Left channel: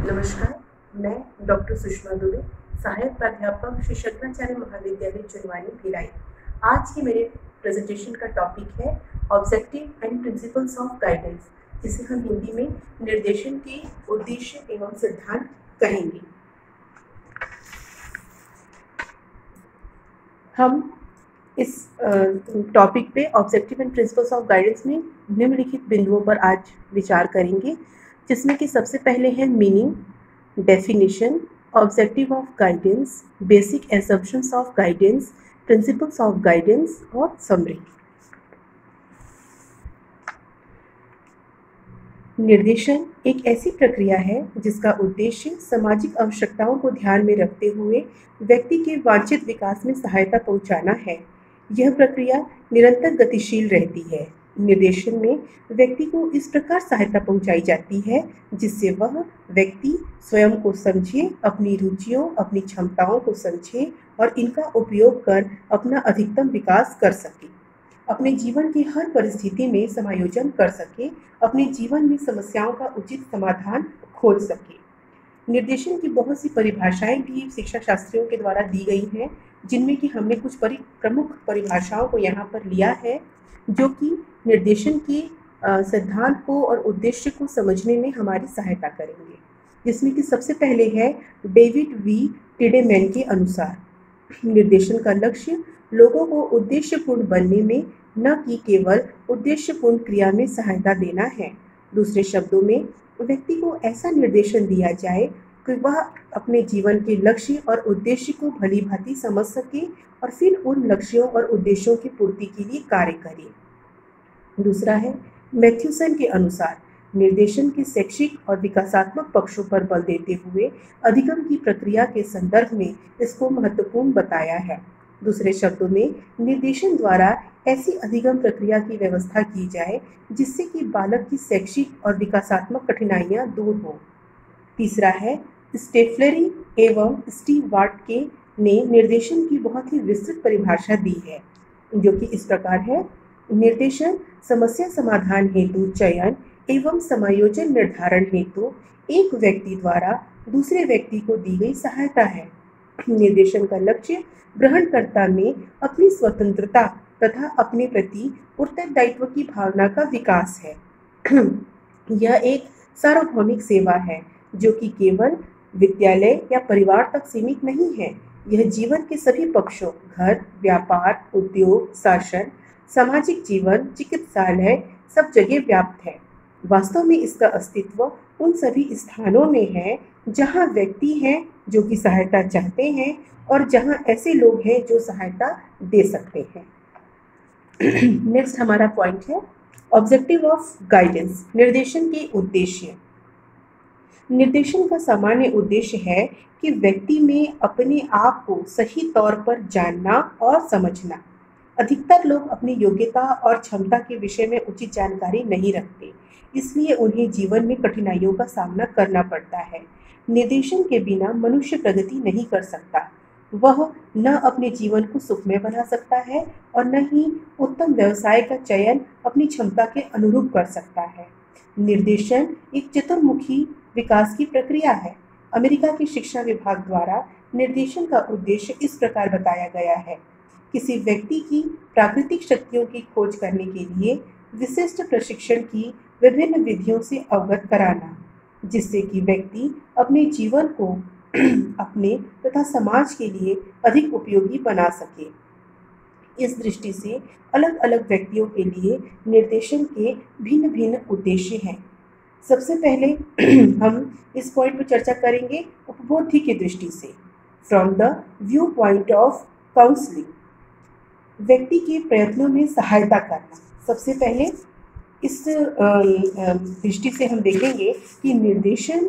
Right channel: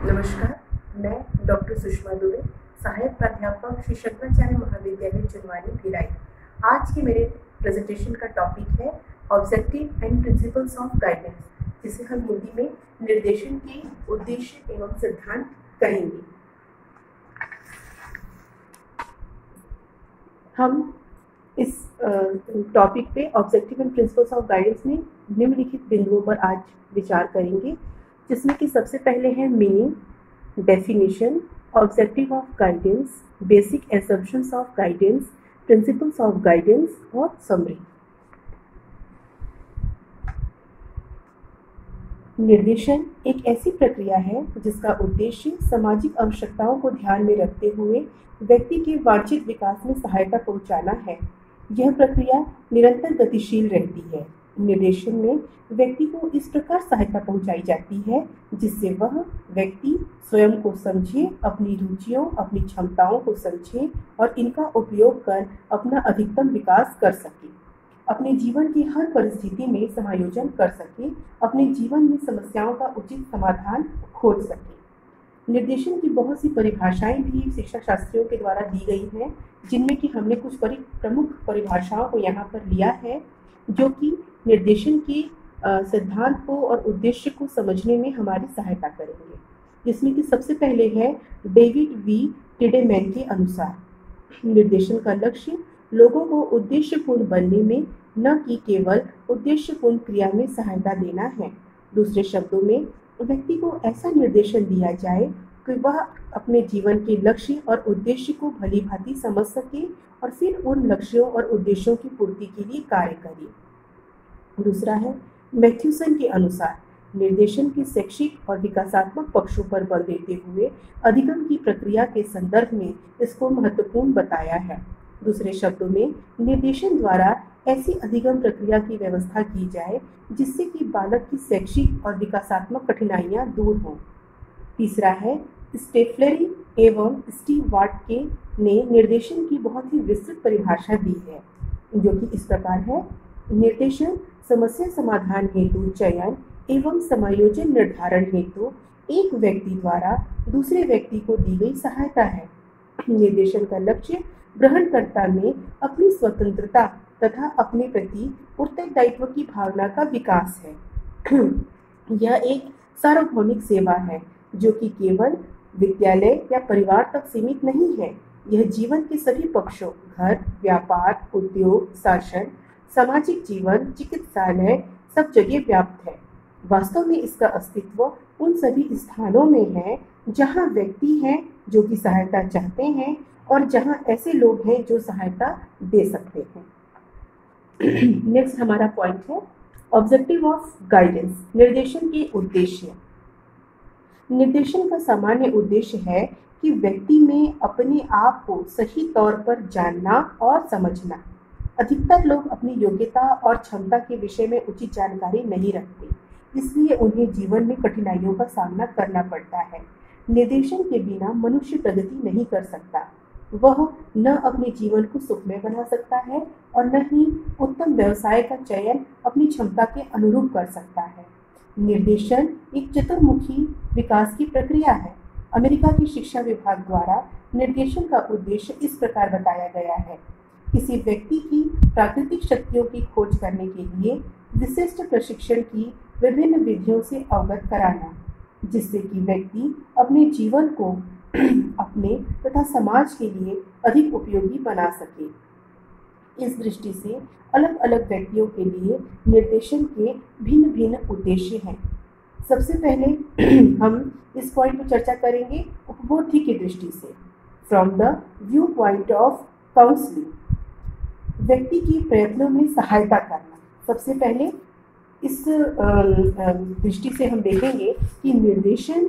नमस्कार, मैं डॉक्टर सुषमा दुबे, सहायक प्राध्यापक श्री शंकराचार्य महाविद्यालय चुनवानी भिलाई। आज के मेरे प्रेजेंटेशन का टॉपिक है objective and principles of guidance, जिसे हम हिंदी में निर्देशन के उद्देश्य एवं सिद्धांत कहेंगे। हम इस टॉपिक पे objective and principles of guidance में निम्नलिखित बिंदुओं पर आज विचार करेंगे, जिसमें कि सबसे पहले है meaning, definition, objective of guidance, basic assumptions of guidance, principles of guidance और समरी। निर्देशन एक ऐसी प्रक्रिया है जिसका उद्देश्य सामाजिक आवश्यकताओं को ध्यान में रखते हुए व्यक्ति के वांछित विकास में सहायता पहुंचाना है। यह प्रक्रिया निरंतर गतिशील रहती है। निर्देशन में व्यक्ति को इस प्रकार सहायता पहुंचाई जाती है जिससे वह व्यक्ति स्वयं को समझे, अपनी रुचियों, अपनी क्षमताओं को समझे और इनका उपयोग कर अपना अधिकतम विकास कर सके, अपने जीवन की हर परिस्थिति में समायोजन कर सके, अपने जीवन में समस्याओं का उचित समाधान खोज सके। निर्देशन की बहुत सी परिभाषाएं भी शिक्षा शास्त्रियों के द्वारा दी गई हैं, जिनमें कि हमने कुछ प्रमुख परिभाषाओं को यहाँ पर लिया है, जो कि निर्देशन के सिद्धांत को और उद्देश्य को समझने में हमारी सहायता करेंगे। जिसमें कि सबसे पहले है डेविड वी टिडेमैन के अनुसार निर्देशन का लक्ष्य लोगों को उद्देश्यपूर्ण बनने में, न कि केवल उद्देश्यपूर्ण क्रिया में सहायता देना है। दूसरे शब्दों में व्यक्ति को ऐसा निर्देशन दिया जाए कि वह अपने जीवन के लक्ष्य और उद्देश्य को भली भांति समझ सके और फिर उन लक्ष्यों और उद्देश्यों की पूर्ति के लिए कार्य करे। दूसरा है मैथ्यूसन के अनुसार निर्देशन के शैक्षिक और विकासात्मक पक्षों पर बल देते हुए अधिगम की प्रक्रिया के संदर्भ में इसको महत्वपूर्ण बताया है। दूसरे शब्दों में निर्देशन द्वारा ऐसी अधिगम प्रक्रिया की व्यवस्था की जाए जिससे कि बालक की शैक्षिक और विकासात्मक कठिनाइयां दूर हों। तीसरा है स्टेफलरी एवं स्टीव वाटके ने निर्देशन की बहुत ही विस्तृत परिभाषा दी है, जो कि इस प्रकार है। निर्देशन समस्या समाधान हेतु चयन एवं समायोजन निर्धारण हेतु एक व्यक्ति द्वारा दूसरे व्यक्ति को दी गई सहायता है। निर्देशन का लक्ष्य ग्रहणकर्ता में अपनी स्वतंत्रता तथा अपने प्रति उत्तरदायित्व की भावना का विकास है। यह एक सार्वभौमिक सेवा है जो कि केवल विद्यालय या परिवार तक सीमित नहीं है। यह जीवन के सभी पक्षों, घर, व्यापार, उद्योग, शासन, सामाजिक जीवन, चिकित्सालय, सब जगह व्याप्त है। वास्तव में इसका अस्तित्व उन सभी स्थानों में है जहां व्यक्ति हैं जो कि सहायता चाहते हैं और जहां ऐसे लोग हैं जो सहायता दे सकते हैं। नेक्स्ट हमारा पॉइंट है ऑब्जेक्टिव ऑफ गाइडेंस, निर्देशन के उद्देश्य। निर्देशन का सामान्य उद्देश्य है कि व्यक्ति में अपने आप को सही तौर पर जानना और समझना। अधिकतर लोग अपनी योग्यता और क्षमता के विषय में उचित जानकारी नहीं रखते, इसलिए उन्हें जीवन में कठिनाइयों का सामना करना पड़ता है। निर्देशन के बिना मनुष्य प्रगति नहीं कर सकता। वह न अपने जीवन को सुखमय बना सकता है और न ही उत्तम व्यवसाय का चयन अपनी क्षमता के अनुरूप कर सकता है। निर्देशन एक चतुर्मुखी विकास की प्रक्रिया है। अमेरिका के शिक्षा विभाग द्वारा निर्देशन का उद्देश्य इस प्रकार बताया गया है। किसी व्यक्ति की प्राकृतिक शक्तियों की खोज करने के लिए विशिष्ट प्रशिक्षण की विभिन्न विधियों से अवगत कराना, जिससे कि व्यक्ति अपने जीवन को अपने तथा समाज के लिए अधिक उपयोगी बना सके। इस दृष्टि से अलग अलग व्यक्तियों के लिए निर्देशन के भिन्न भिन्न उद्देश्य हैं। सबसे पहले हम इस पॉइंट पर चर्चा करेंगे उपबोधि की दृष्टि से, from the view point of counselling. व्यक्ति के प्रयत्नों में सहायता करना। सबसे पहले इस दृष्टि से हम देखेंगे कि निर्देशन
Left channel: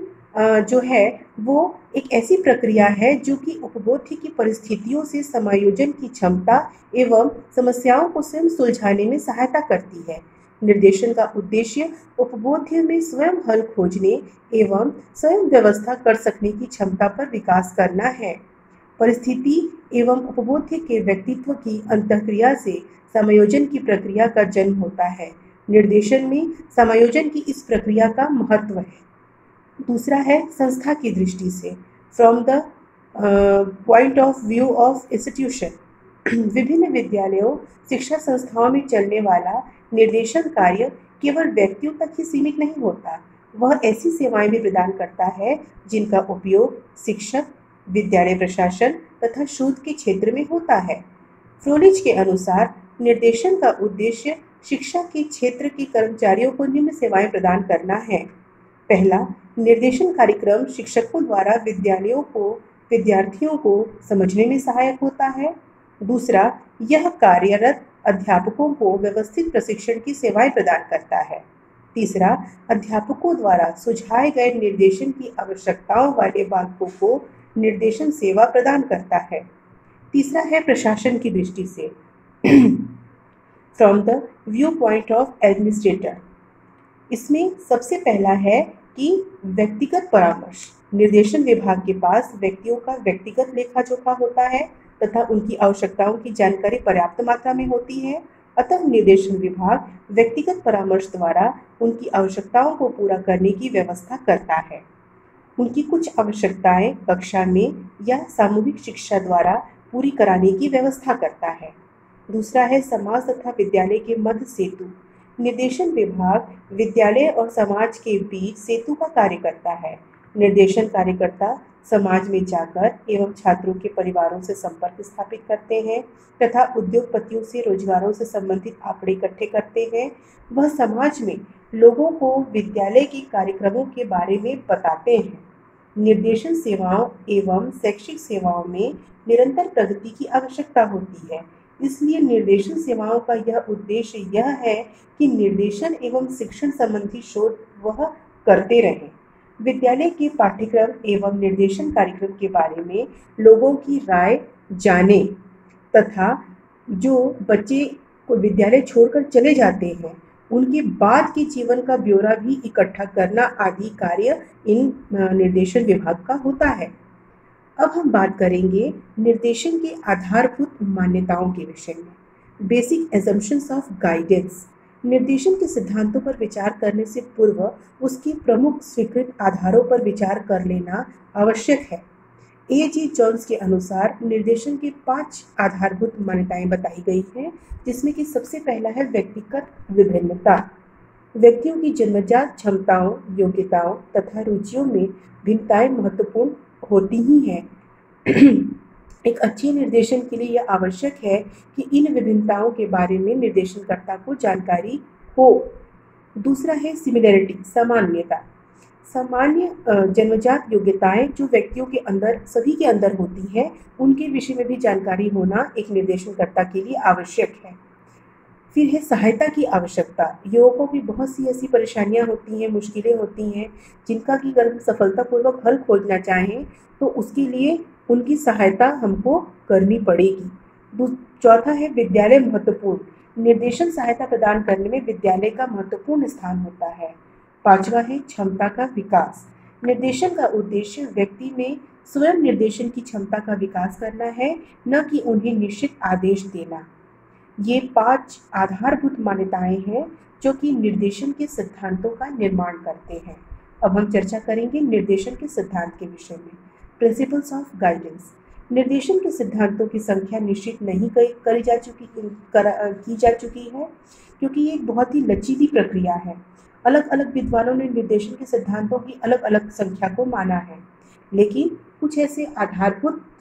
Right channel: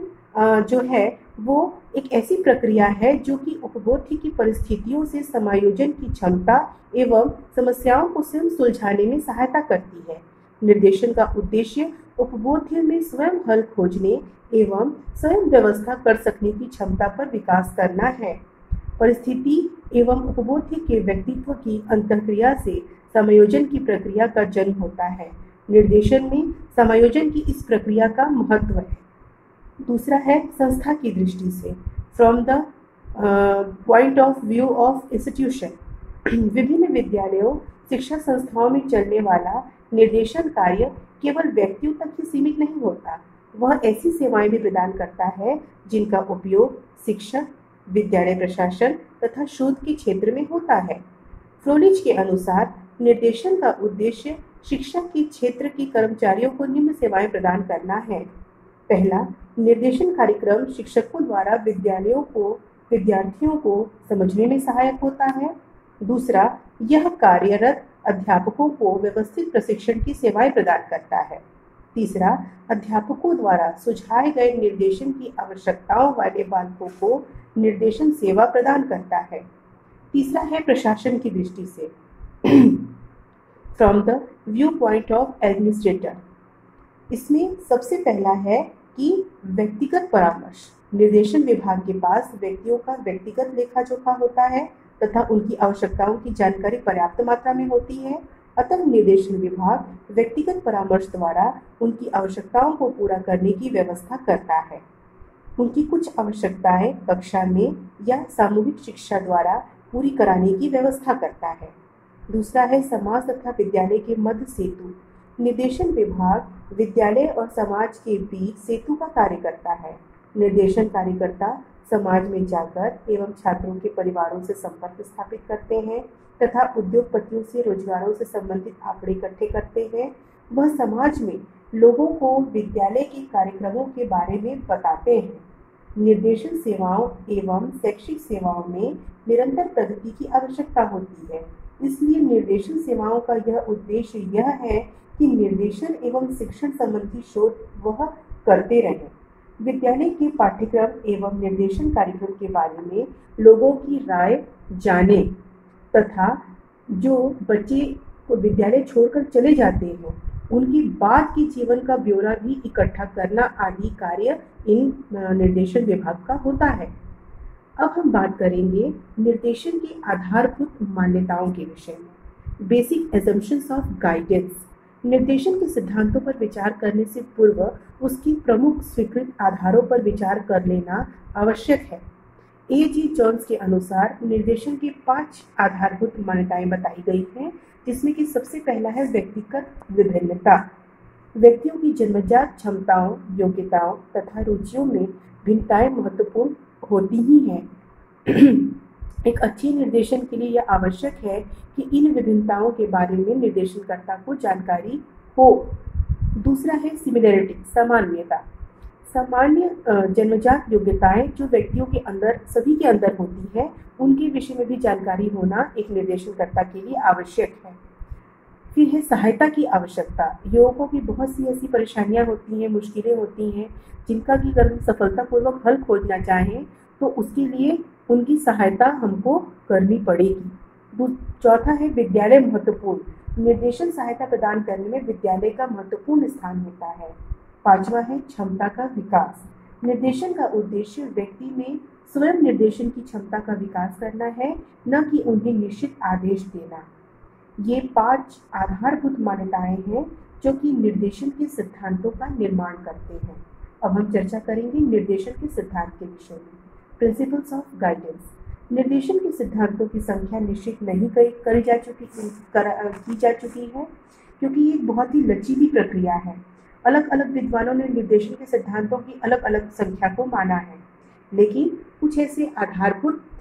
जो है वो एक ऐसी प्रक्रिया है जो कि उपबोधि की परिस्थितियों से समायोजन की क्षमता एवं समस्याओं को स्वयं सुलझाने में सहायता करती है। निर्देशन का उद्देश्य उपबोध्य में स्वयं हल खोजने एवं स्वयं व्यवस्था कर सकने की क्षमता पर विकास करना है। परिस्थिति एवं उपबोध्य के व्यक्तित्व की अंतःक्रिया से समायोजन की प्रक्रिया का जन्म होता है। निर्देशन में समायोजन की इस प्रक्रिया का महत्व है। दूसरा है संस्था की दृष्टि से, from the point of view of institution. विभिन्न विद्यालयों, शिक्षा संस्थाओं में चलने वाला निर्देशन कार्य केवल व्यक्तियों तक ही सीमित नहीं होता, वह ऐसी सेवाएं भी प्रदान करता है जिनका उपयोग शिक्षक, विद्यालय प्रशासन तथा शोध के क्षेत्र में होता है। फ्रोलिच के अनुसार निर्देशन का उद्देश्य शिक्षा के क्षेत्र के कर्मचारियों को निम्न सेवाएं प्रदान करना है। पहला, निर्देशन कार्यक्रम शिक्षकों द्वारा विद्यार्थियों को समझने में सहायक होता है। दूसरा, यह कार्यरत अध्यापकों को व्यवस्थित प्रशिक्षण की सेवाएं प्रदान करता है। तीसरा, अध्यापकों द्वारा सुझाए गए निर्देशन की आवश्यकताओं वाले बालकों को निर्देशन सेवा प्रदान करता है। तीसरा है प्रशासन की दृष्टि से, from the view point of administrator. इसमें सबसे पहला है कि व्यक्तिगत परामर्श। निर्देशन विभाग के पास व्यक्तियों का व्यक्तिगत लेखा जोखा होता है तथा उनकी आवश्यकताओं की जानकारी पर्याप्त मात्रा में होती है, अतः निर्देशन विभाग व्यक्तिगत परामर्श द्वारा उनकी आवश्यकताओं को पूरा करने की व्यवस्था करता है। उनकी कुछ आवश्यकताएं कक्षा में या सामूहिक शिक्षा द्वारा पूरी कराने की व्यवस्था करता है। दूसरा है समाज तथा विद्यालय के मध्य सेतु। निर्देशन विभाग विद्यालय और समाज के बीच सेतु का कार्य करता है। निर्देशन कार्यकर्ता समाज में जाकर एवं छात्रों के परिवारों से संपर्क स्थापित करते हैं तथा उद्योगपतियों से रोजगारों से संबंधित आंकड़े इकट्ठे करते हैं। वह समाज में लोगों को विद्यालय के कार्यक्रमों के बारे में बताते हैं। निर्देशन सेवाओं एवं शैक्षिक सेवाओं में निरंतर प्रगति की आवश्यकता होती है, इसलिए निर्देशन सेवाओं का यह उद्देश्य यह है कि निर्देशन एवं शिक्षण संबंधी शोध वह करते रहें। विद्यालय के पाठ्यक्रम एवं निर्देशन कार्यक्रम के बारे में लोगों की राय जाने तथा जो बच्चे को विद्यालय छोड़कर चले जाते हैं उनके बाद के जीवन का ब्यौरा भी इकट्ठा करना आदि कार्य इन निर्देशन विभाग का होता है। अब हम बात करेंगे निर्देशन के आधारभूत मान्यताओं के विषय में। Basic assumptions of guidance. निर्देशन के सिद्धांतों पर विचार करने से पूर्व उसके प्रमुख स्वीकृत आधारों पर विचार कर लेना आवश्यक है। A.G. जॉन्स के अनुसार निर्देशन की 5 आधारभूत मान्यताएं बताई गई हैं, जिसमें कि सबसे पहला है व्यक्तिगत विभिन्नता। व्यक्तियों की जन्मजात क्षमताओं, योग्यताओं तथा रुचियों में भिन्नताएं महत्वपूर्ण होती ही हैं। एक अच्छे निर्देशन के लिए यह आवश्यक है कि इन विभिन्नताओं के बारे में निर्देशनकर्ता को जानकारी हो। दूसरा है सिमिलैरिटी, सामान्यता। सामान्य जन्मजात योग्यताएं जो व्यक्तियों के अंदर सभी के अंदर होती है, उनके विषय में भी जानकारी होना एक निर्देशनकर्ता के लिए आवश्यक है। फिर है सहायता की आवश्यकता। युवकों की बहुत सी ऐसी परेशानियां होती हैं, मुश्किलें होती हैं, जिनका कि अगर हम सफलतापूर्वक हल खोजना चाहें तो उसके लिए उनकी सहायता हमको करनी पड़ेगी। चौथा है विद्यालय महत्वपूर्ण। निर्देशन सहायता प्रदान करने में विद्यालय का महत्वपूर्ण स्थान होता है। पांचवा है क्षमता का विकास। निर्देशन का उद्देश्य व्यक्ति में स्वयं निर्देशन की क्षमता का विकास करना है, न कि उन्हें निश्चित आदेश देना। ये 5 आधारभूत मान्यताएं हैं जो कि निर्देशन के सिद्धांतों का निर्माण करते हैं। अब हम चर्चा करेंगे निर्देशन के सिद्धांत के विषय में। Principles of guidance. निर्देशन के सिद्धांतों की संख्या निश्चित नहीं की जा चुकी है, क्योंकि ये एक बहुत ही लचीली प्रक्रिया है। अलग अलग विद्वानों ने निर्देशन के सिद्धांतों की अलग अलग संख्या को माना है, लेकिन कुछ ऐसे आधारभूत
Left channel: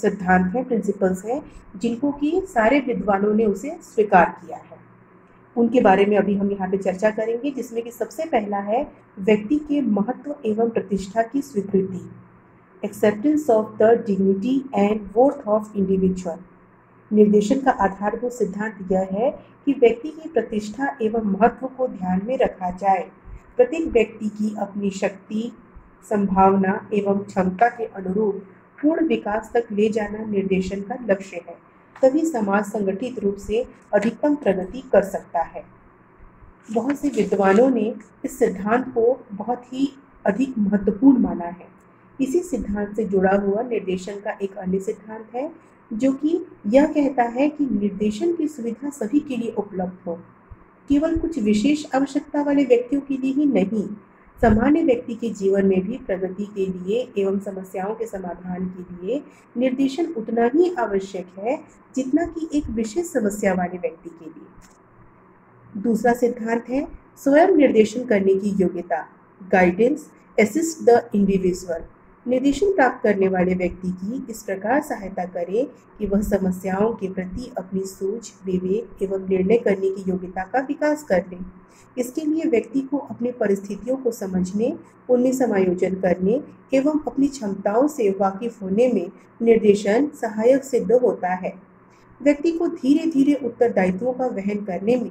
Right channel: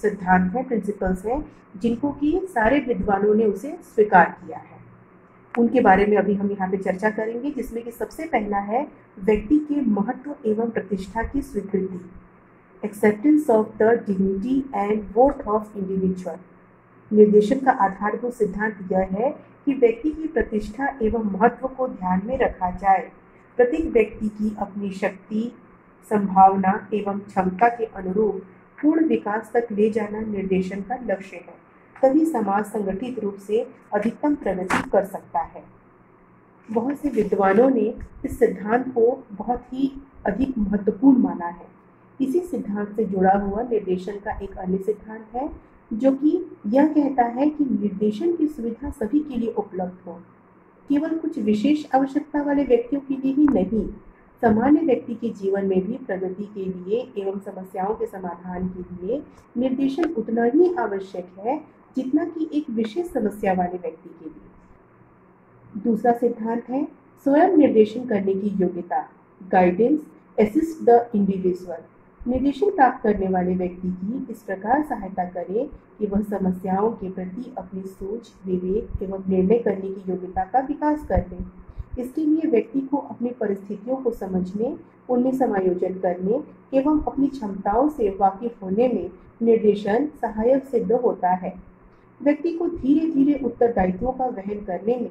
सिद्धांत हैं, प्रिंसिपल्स हैं, जिनको कि सारे विद्वानों ने उसे स्वीकार किया है। उनके बारे में अभी हम यहाँ पे चर्चा करेंगे, जिसमें कि सबसे पहला है व्यक्ति के महत्व एवं प्रतिष्ठा की स्वीकृति, acceptance of the dignity and worth of individual. निर्देशन का आधारभूत सिद्धांत यह है कि व्यक्ति की प्रतिष्ठा एवं महत्व को ध्यान में रखा जाए। प्रत्येक व्यक्ति की अपनी शक्ति, संभावना एवं क्षमता के अनुरूप पूर्ण विकास तक ले जाना निर्देशन का लक्ष्य है, तभी समाज संगठित रूप से अधिकतम प्रगति कर सकता है। बहुत से विद्वानों ने इस सिद्धांत को बहुत ही अधिक महत्वपूर्ण माना है। इसी सिद्धांत से जुड़ा हुआ निर्देशन का एक अन्य सिद्धांत है, जो कि यह कहता है कि निर्देशन की सुविधा सभी के लिए उपलब्ध हो, केवल कुछ विशेष आवश्यकता वाले व्यक्तियों के लिए ही नहीं। सामान्य व्यक्ति के जीवन में भी प्रगति के लिए एवं समस्याओं के समाधान के लिए निर्देशन उतना ही आवश्यक है जितना कि एक विशेष समस्या वाले व्यक्ति के लिए। दूसरा सिद्धांत है स्वयं निर्देशन करने की योग्यता। Guidance assist the individual. निर्देशन प्राप्त करने वाले व्यक्ति की इस प्रकार सहायता करे कि वह समस्याओं के प्रति अपनी सोच, विवेक एवं निर्णय करने की योग्यता का विकास कर ले। इसके लिए व्यक्ति को अपनी परिस्थितियों को समझने, उनमें समायोजन करने एवं अपनी क्षमताओं से वाकिफ होने में निर्देशन सहायक सिद्ध होता है। व्यक्ति को धीरे धीरे उत्तरदायित्वों का वहन करने में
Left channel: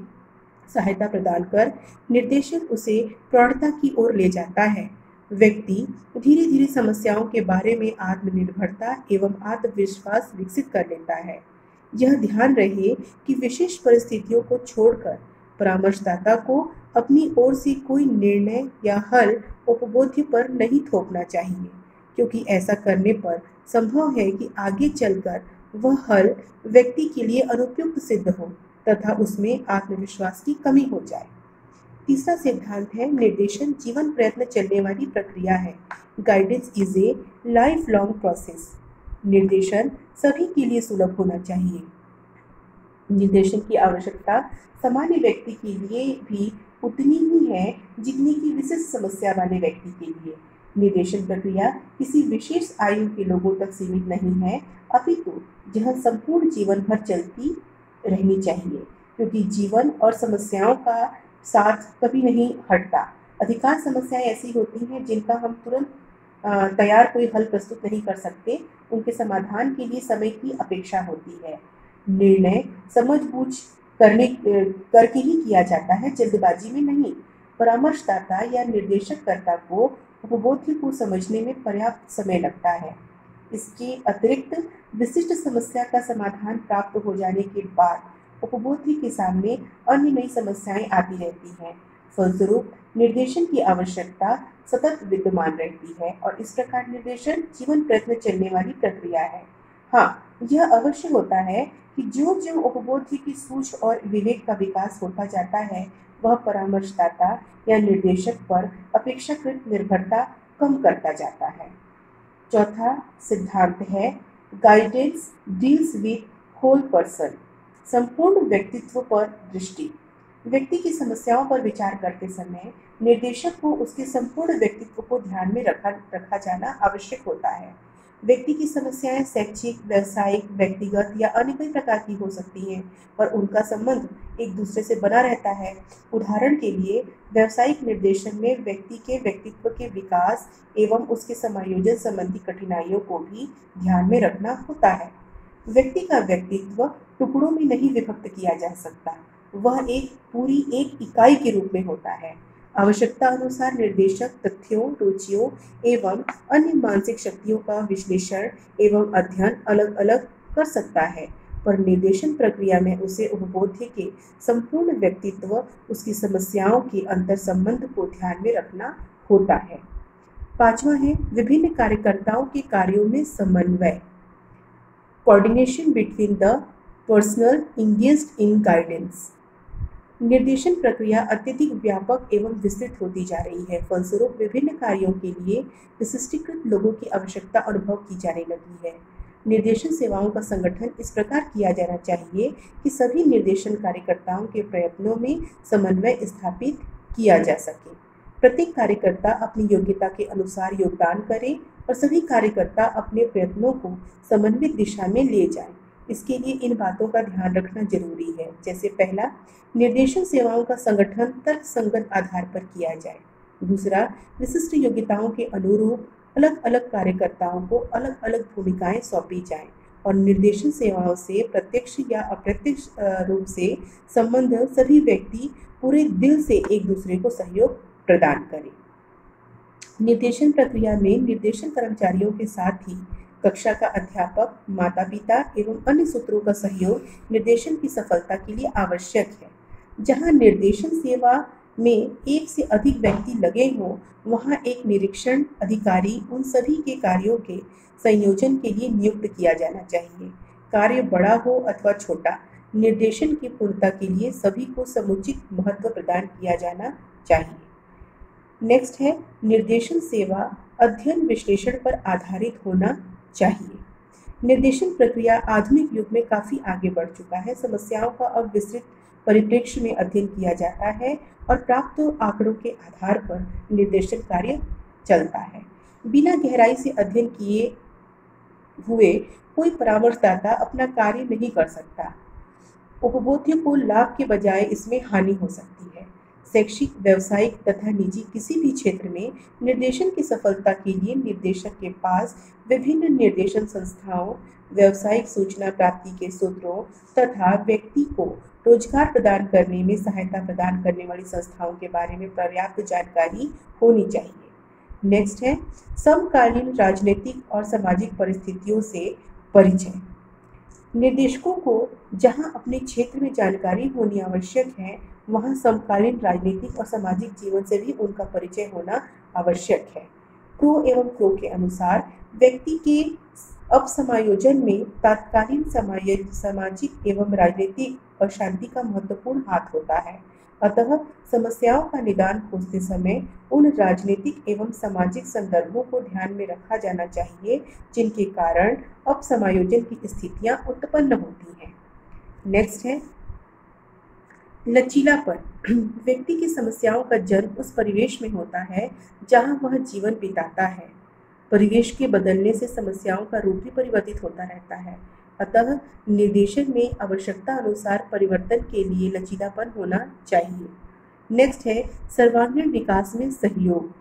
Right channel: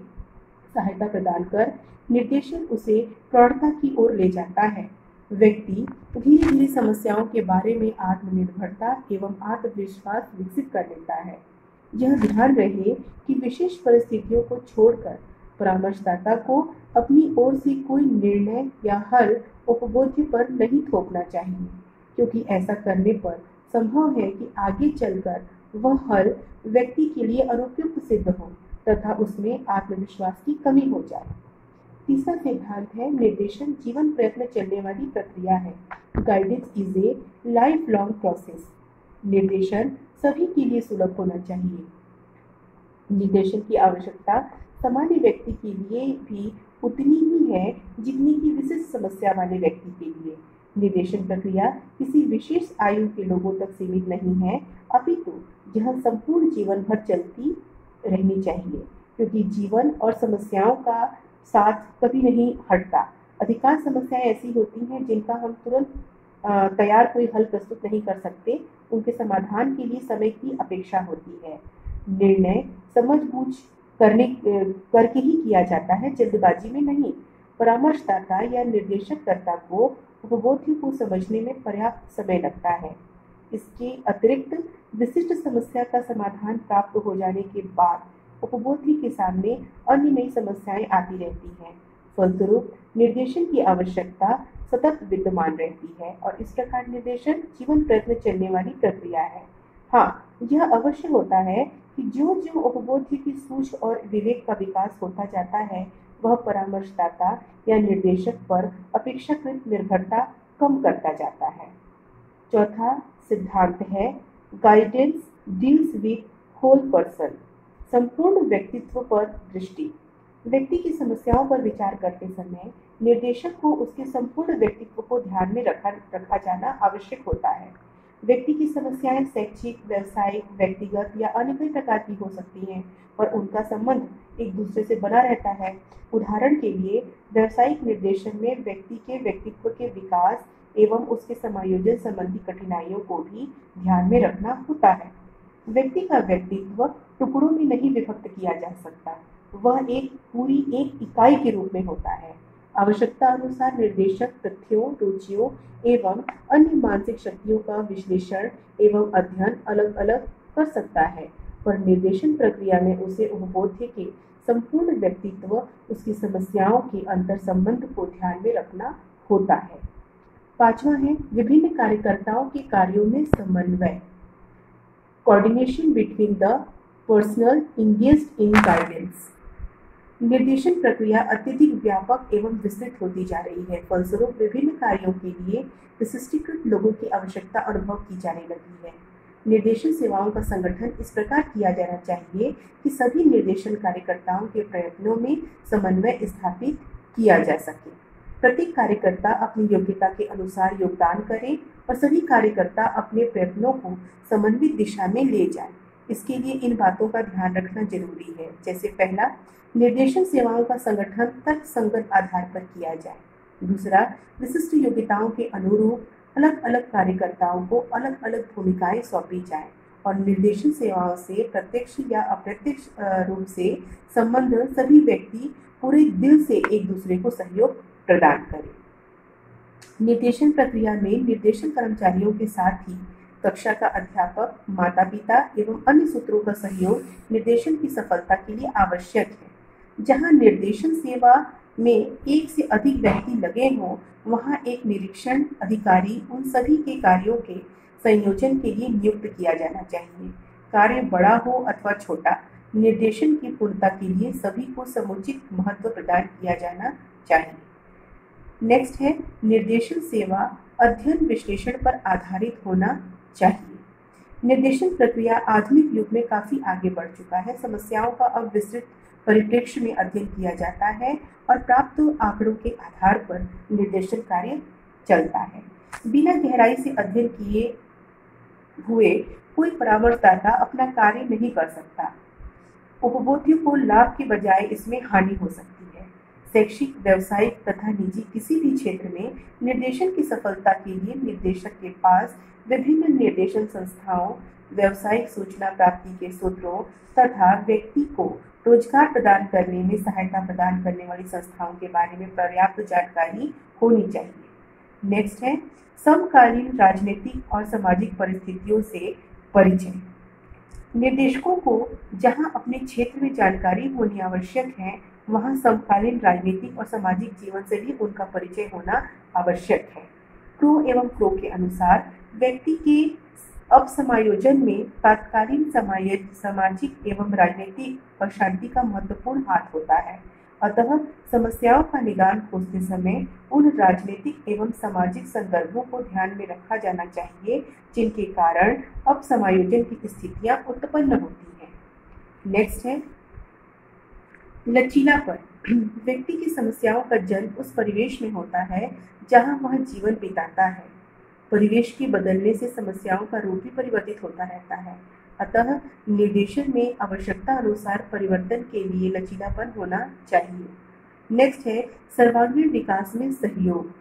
सहायता प्रदान कर निर्देशन उसे प्रौढ़ता की ओर ले जाता है। व्यक्ति धीरे धीरे समस्याओं के बारे में आत्मनिर्भरता एवं आत्मविश्वास विकसित कर लेता है। यह ध्यान रहे कि विशेष परिस्थितियों को छोड़कर परामर्शदाता को अपनी ओर से कोई निर्णय या हल उपबोध्य पर नहीं थोपना चाहिए, क्योंकि ऐसा करने पर संभव है कि आगे चलकर वह हल व्यक्ति के लिए अनुपयुक्त सिद्ध हो तथा उसमें आत्मविश्वास की कमी हो जाए। तीसरा सिद्धांत है निर्देशन जीवन प्रयत्न चलने वाली प्रक्रिया है। Guidance is a life long process. निर्देशन सभी के लिए सुलभ होना चाहिए। निर्देशन की आवश्यकता सामान्य व्यक्ति के लिए भी उतनी ही है जितनी की विशिष्ट समस्या वाले व्यक्ति के लिए। निर्देशन प्रक्रिया किसी विशेष आयु के लोगों तक सीमित नहीं है, अपितु यह संपूर्ण जीवन भर चलती रहनी चाहिए, क्योंकि जीवन और समस्याओं का साथ कभी नहीं हटता। अधिकांश समस्याएं ऐसी होती हैं जिनका हम तुरंत तैयार कोई हल प्रस्तुत नहीं कर सकते। उनके समाधान के लिए समय की अपेक्षा होती है। निर्णय समझबूझ करके ही किया जाता है, जल्दबाजी में नहीं। परामर्शदाता या निर्देशककर्ता को उपबोध्य को समझने में पर्याप्त समय लगता है। इसके अतिरिक्त विशिष्ट समस्या का समाधान प्राप्त हो जाने के बाद उपबोध्य के सामने अन्य नई समस्याएं आती रहती हैं। फलस्वरूप निर्देशन की आवश्यकता सतत विद्यमान रहती है और इस प्रकार निर्देशन जीवन प्रयत्न चलने वाली प्रक्रिया है। हाँ, यह अवश्य होता है कि जो जो उपबोध्य की सूझ और विवेक का विकास होता जाता है, वह परामर्शदाता या निर्देशक पर अपेक्षाकृत निर्भरता कम करता जाता है। चौथा सिद्धांत है guidance deals with whole person. संपूर्ण व्यक्तित्व पर दृष्टि। व्यक्ति की समस्याओं पर विचार करते समय निर्देशक को उसके संपूर्ण व्यक्तित्व को ध्यान में रखा जाना आवश्यक होता है। व्यक्ति की समस्याएं शैक्षिक, व्यवसायिक, व्यक्तिगत या अन्य कई प्रकार की हो सकती हैं और उनका संबंध एक दूसरे से बना रहता है। उदाहरण के लिए व्यावसायिक निर्देशन में व्यक्ति के व्यक्तित्व के विकास एवं उसके समायोजन संबंधी कठिनाइयों को भी ध्यान में रखना होता है। व्यक्ति का व्यक्तित्व टुकड़ों में नहीं विभक्त किया जा सकता, वह एक इकाई के रूप में होता है। आवश्यकता अनुसार निर्देशक तथ्यों, रुचियों एवं अन्य मानसिक शक्तियों का विश्लेषण एवं अध्ययन अलग अलग कर सकता है, पर निर्देशन प्रक्रिया में उसे उपबोध्य के संपूर्ण व्यक्तित्व, उसकी समस्याओं के अंतर संबंध को ध्यान में रखना होता है। पांचवा है विभिन्न कार्यकर्ताओं के कार्यों में समन्वय। Coordination between the personal engaged in guidance. निर्देशन प्रक्रिया अत्यधिक व्यापक एवं विस्तृत होती जा रही है। फलस्वरूप विभिन्न कार्यों के लिए विशिष्टीकृत लोगों की आवश्यकता अनुभव की जाने लगी है। निर्देशन सेवाओं का संगठन इस प्रकार किया जाना चाहिए कि सभी निर्देशन कार्यकर्ताओं के प्रयत्नों में समन्वय स्थापित किया जा सके। प्रत्येक कार्यकर्ता अपनी योग्यता के अनुसार योगदान करे और सभी कार्यकर्ता अपने प्रयत्नों को समन्वित दिशा में ले जाएं। इसके लिए इन बातों का ध्यान रखना जरूरी है। जैसे पहला, निर्देशन सेवाओं का संगठन तर्कसंगत आधार पर किया जाए। दूसरा, विशिष्ट योग्यताओं के अनुरूप अलग अलग कार्यकर्ताओं को अलग अलग भूमिकाएं सौंपी जाएं और निर्देशन सेवाओं से प्रत्यक्ष या अप्रत्यक्ष रूप से संबंध सभी व्यक्ति पूरे दिल से एक दूसरे को सहयोग प्रदान करें। निर्देशन प्रक्रिया में निर्देशन कर्मचारियों के साथ ही कक्षा का अध्यापक, माता पिता एवं अन्य सूत्रों का सहयोग निर्देशन की सफलता के लिए आवश्यक है। जहां निर्देशन सेवा में एक से अधिक व्यक्ति लगे हों, वहां एक निरीक्षण अधिकारी उन सभी के कार्यों के संयोजन के लिए नियुक्त किया जाना चाहिए। कार्य बड़ा हो अथवा छोटा, निर्देशन की पूर्णता के लिए सभी को समुचित महत्व प्रदान किया जाना चाहिए। नेक्स्ट है निर्देशन सेवा अध्ययन विश्लेषण पर आधारित होना चाहिए। निर्देशन प्रक्रिया आधुनिक युग में काफ़ी आगे बढ़ चुका है। समस्याओं का अब विस्तृत परिप्रेक्ष्य में अध्ययन किया जाता है और प्राप्त आंकड़ों के आधार पर निर्देशन कार्य चलता है। बिना गहराई से अध्ययन किए हुए कोई परामर्शदाता अपना कार्य नहीं कर सकता। उपभोक्ताओं को लाभ के बजाय इसमें हानि हो सकती है। शैक्षिक, व्यावसायिक तथा निजी किसी भी क्षेत्र में निर्देशन की सफलता के लिए निर्देशक के पास विभिन्न निर्देशन संस्थाओं, व्यावसायिक सूचना प्राप्ति के स्रोतों तथा व्यक्ति को रोजगार प्रदान करने में सहायता प्रदान करने वाली संस्थाओं के बारे में पर्याप्त जानकारी होनी चाहिए। नेक्स्ट है समकालीन राजनीतिक और सामाजिक परिस्थितियों से परिचय। निर्देशकों को जहां अपने क्षेत्र में जानकारी होनी आवश्यक है, वहां समकालीन राजनीतिक और सामाजिक जीवन से भी उनका परिचय होना आवश्यक है। प्रो एवं प्रो के अनुसार व्यक्ति के अपसमायोजन में तात्कालीन सामाजिक एवं राजनीतिक अशांति का महत्वपूर्ण हाथ होता है। अतः समस्याओं का निदान खोजते समय उन राजनीतिक एवं सामाजिक संदर्भों को ध्यान में रखा जाना चाहिए जिनके कारण अपसमायोजन की स्थितियां उत्पन्न होती हैं। नेक्स्ट है लचीलापन। व्यक्ति की समस्याओं का जन्म उस परिवेश में होता है जहां वह जीवन बिताता है। परिवेश के बदलने से समस्याओं का रूप भी परिवर्तित होता रहता है। अतः निर्देशन में आवश्यकता अनुसार परिवर्तन के लिए लचीलापन होना चाहिए। नेक्स्ट है सर्वांगीण विकास में सहयोग।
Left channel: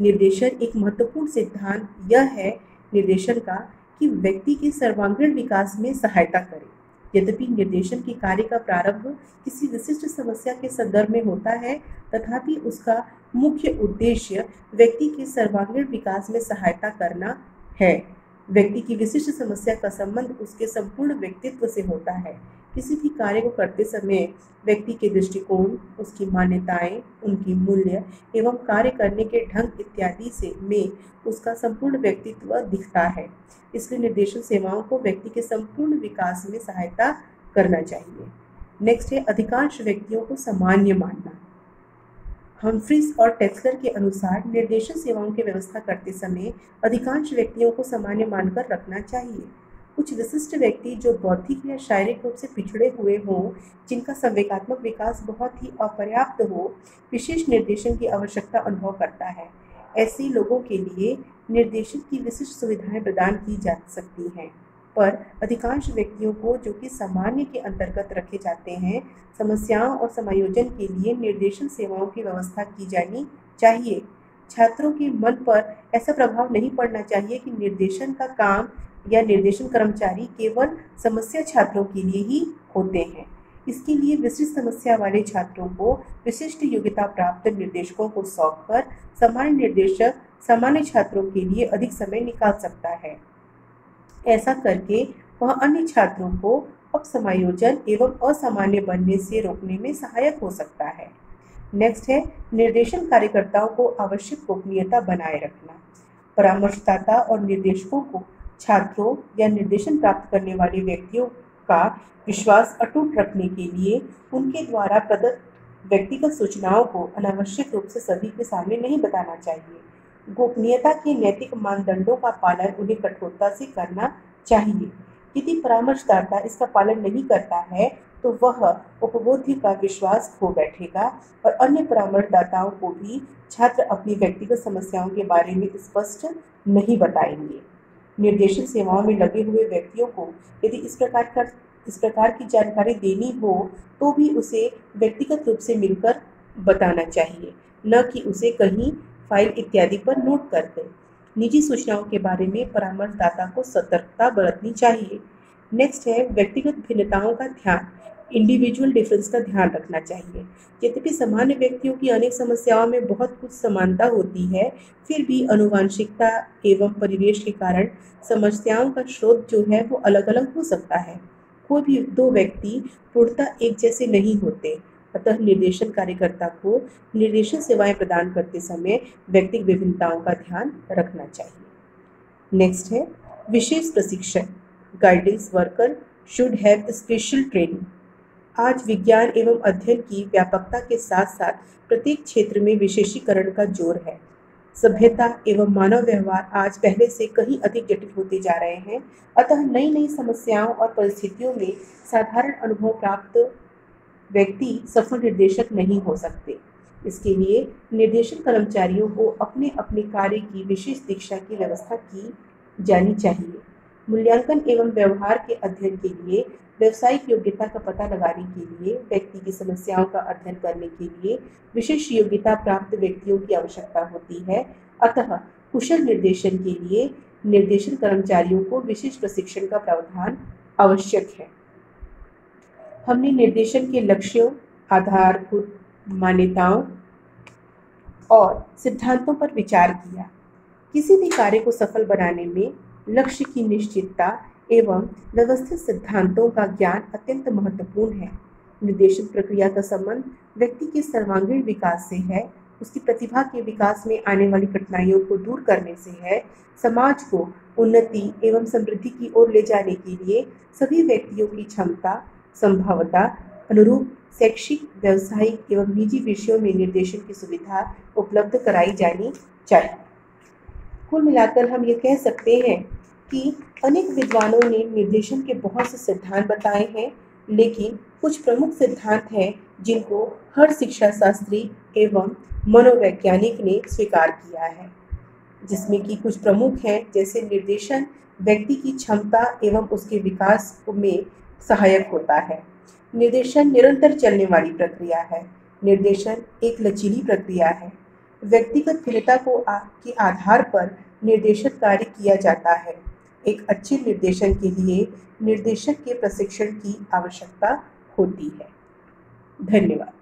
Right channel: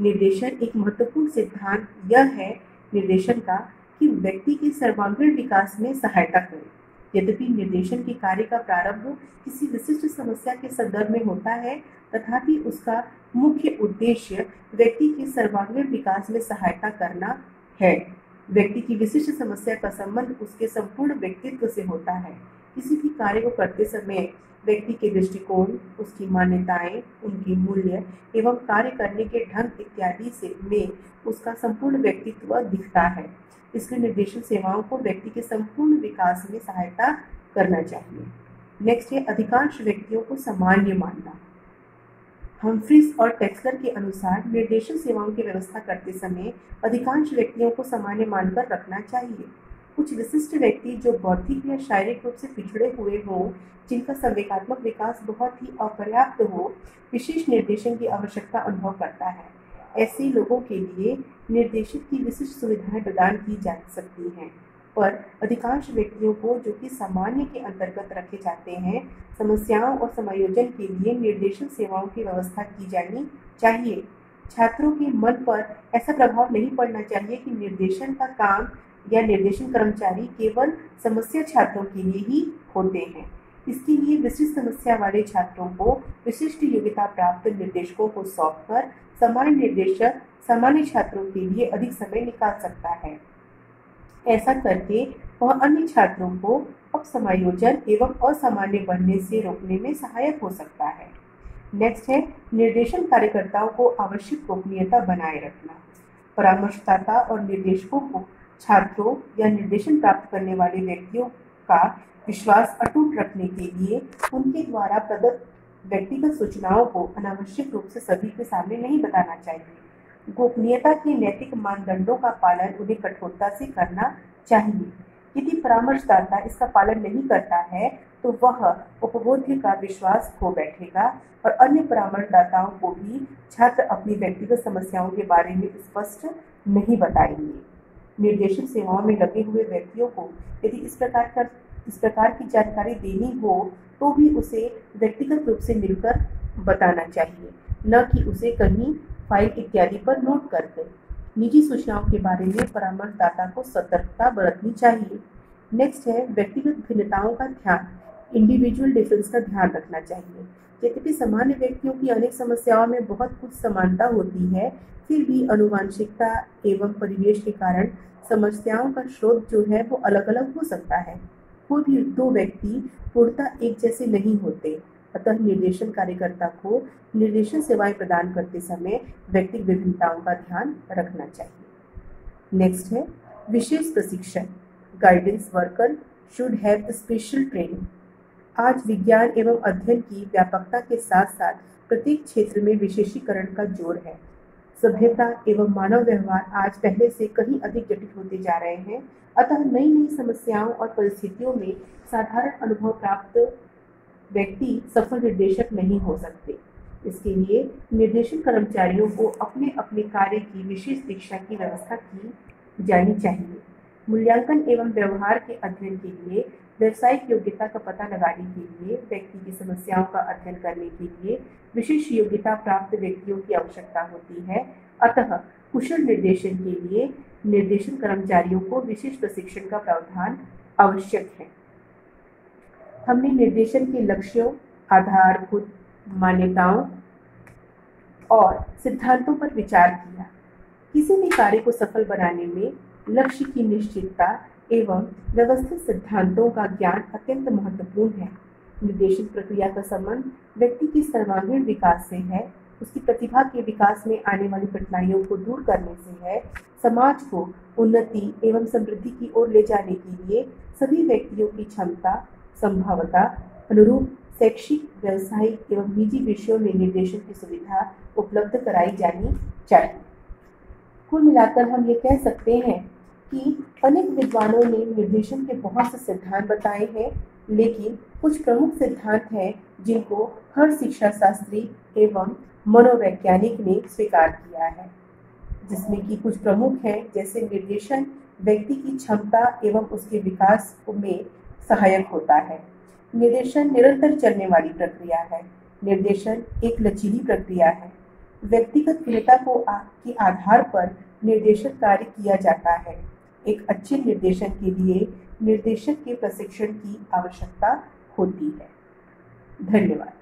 निर्देशन एक महत्वपूर्ण सिद्धांत यह है निर्देशन का कि व्यक्ति के सर्वांगीण विकास में सहायता करे। यद्यपि निर्देशन के कार्य का प्रारंभ किसी विशिष्ट समस्या के संदर्भ में होता है, तथापि उसका मुख्य उद्देश्य व्यक्ति के सर्वांगीण विकास में सहायता करना है। व्यक्ति की विशिष्ट समस्या का संबंध उसके संपूर्ण व्यक्तित्व से होता है। किसी भी कार्य को करते समय व्यक्ति के दृष्टिकोण, उसकी मान्यताएं, उनके मूल्य एवं कार्य करने के ढंग इत्यादि से में उसका संपूर्ण व्यक्तित्व दिखता है। इसलिए निर्देशन सेवाओं को व्यक्ति के संपूर्ण विकास में सहायता करना चाहिए। नेक्स्ट है अधिकांश व्यक्तियों को सामान्य मानना। हम्फ्रीज और टेक्सलर के अनुसार निर्देशन सेवाओं की व्यवस्था करते समय अधिकांश व्यक्तियों को सामान्य मानकर रखना चाहिए। कुछ विशिष्ट व्यक्ति जो बौद्धिक या शारीरिक रूप से पिछड़े हुए हों, जिनका संवेगात्मक विकास बहुत ही अपर्याप्त हो, विशेष निर्देशन की आवश्यकता अनुभव करता है। ऐसे लोगों के लिए निर्देशन की विशिष्ट सुविधाएं प्रदान की जा सकती हैं, पर अधिकांश व्यक्तियों को जो कि सामान्य के अंतर्गत रखे जाते हैं, समस्याओं और समायोजन के लिए निर्देशन सेवाओं की व्यवस्था की जानी चाहिए। छात्रों के मन पर ऐसा प्रभाव नहीं पड़ना चाहिए कि निर्देशन का काम या निर्देशन कर्मचारी केवल समस्या छात्रों के लिए ही होते हैं। इसके लिए विशिष्ट समस्या वाले छात्रों को विशिष्ट योग्यता प्राप्त निर्देशकों को सौंपकर सामान्य निर्देशक सामान्य छात्रों के लिए अधिक समय निकाल सकता है। ऐसा करके वह अन्य छात्रों को अपसमायोजन एवं असामान्य बनने से रोकने में सहायक हो सकता है। नेक्स्ट है निर्देशन कार्यकर्ताओं को आवश्यक गोपनीयता बनाए रखना। परामर्शदाता और निर्देशकों को छात्रों या निर्देशन प्राप्त करने वाले व्यक्तियों का विश्वास अटूट रखने के लिए उनके द्वारा प्रदत्त व्यक्तिगत सूचनाओं को अनावश्यक रूप से सभी के सामने नहीं बताना चाहिए। गोपनीयता के नैतिक मानदंडों का पालन उन्हें कठोरता से करना चाहिए। यदि परामर्शदाता इसका पालन नहीं करता है तो वह उपभोक्ता का विश्वास खो बैठेगा और अन्य परामर्शदाताओं को भी छात्र अपनी व्यक्तिगत समस्याओं के बारे में स्पष्ट नहीं बताएंगे। निर्देशन सेवाओं में लगे हुए व्यक्तियों को यदि इस प्रकार की जानकारी देनी हो तो भी उसे व्यक्तिगत रूप से मिलकर बताना चाहिए, न कि उसे कहीं फाइल इत्यादि पर नोट कर दें। निजी सूचनाओं के बारे में परामर्शदाता को सतर्कता बरतनी चाहिए। नेक्स्ट है व्यक्तिगत भिन्नताओं का ध्यान, इंडिविजुअल डिफरेंस का ध्यान रखना चाहिए। यद्यपि सामान्य व्यक्तियों की अनेक समस्याओं में बहुत कुछ समानता होती है, फिर भी आनुवंशिकता एवं परिवेश के कारण समस्याओं का स्रोत जो है वो अलग अलग हो सकता है। कोई भी दो व्यक्ति पूर्णतः एक जैसे नहीं होते, अतः निर्देशन कार्यकर्ता को निर्देशन सेवाएं प्रदान करते समय व्यक्तिगत विभिन्नताओं का ध्यान रखना चाहिए। नेक्स्ट है विशेष प्रशिक्षण, guidance worker should have special training. आज विज्ञान एवं अध्ययन की व्यापकता के साथ साथ प्रत्येक क्षेत्र में विशेषीकरण का जोर है। सभ्यता एवं मानव व्यवहार आज पहले से कहीं अधिक जटिल होते जा रहे हैं, अतः नई नई समस्याओं और परिस्थितियों में साधारण अनुभव प्राप्त व्यक्ति सफल निर्देशक नहीं हो सकते। इसके लिए निर्देशन कर्मचारियों को अपने अपने कार्य की विशेष दीक्षा की व्यवस्था की जानी चाहिए। मूल्यांकन एवं व्यवहार के अध्ययन के लिए, व्यावसायिक योग्यता का पता लगाने के लिए, व्यक्ति की समस्याओं का अध्ययन करने के लिए विशेष योग्यता प्राप्त व्यक्तियों की आवश्यकता होती है। अतः कुशल निर्देशन के लिए निर्देशन कर्मचारियों को विशेष प्रशिक्षण का प्रावधान आवश्यक है। हमने निर्देशन के लक्ष्यों, आधारभूत मान्यताओं और सिद्धांतों पर विचार किया। किसी भी कार्य को सफल बनाने में लक्ष्य की निश्चितता एवं व्यवस्थित सिद्धांतों का ज्ञान अत्यंत महत्वपूर्ण है। निर्देशन प्रक्रिया का संबंध व्यक्ति के सर्वांगीण विकास से है, उसकी प्रतिभा के विकास में आने वाली कठिनाइयों को दूर करने से है। समाज को उन्नति एवं समृद्धि की ओर ले जाने के लिए सभी व्यक्तियों की क्षमता, संभवता अनुरूप शैक्षिक, व्यावसायिक एवं निजी विषयों में निर्देशन की सुविधा उपलब्ध कराई जानी चाहिए। कुल मिलाकर हम ये कह सकते हैं कि अनेक विद्वानों ने निर्देशन के बहुत से सिद्धांत बताए हैं, लेकिन कुछ प्रमुख सिद्धांत हैं जिनको हर शिक्षा शास्त्री एवं मनोवैज्ञानिक ने स्वीकार किया है, जिसमें कि कुछ प्रमुख हैं जैसे निर्देशन व्यक्ति की क्षमता एवं उसके विकास में सहायक होता है। निर्देशन निरंतर चलने वाली प्रक्रिया है। निर्देशन एक लचीली प्रक्रिया है। व्यक्तिगत भिन्नता के आधार पर निर्देशन कार्य किया जाता है। एक अच्छे निर्देशन के लिए निर्देशक के प्रशिक्षण की आवश्यकता होती है। धन्यवाद।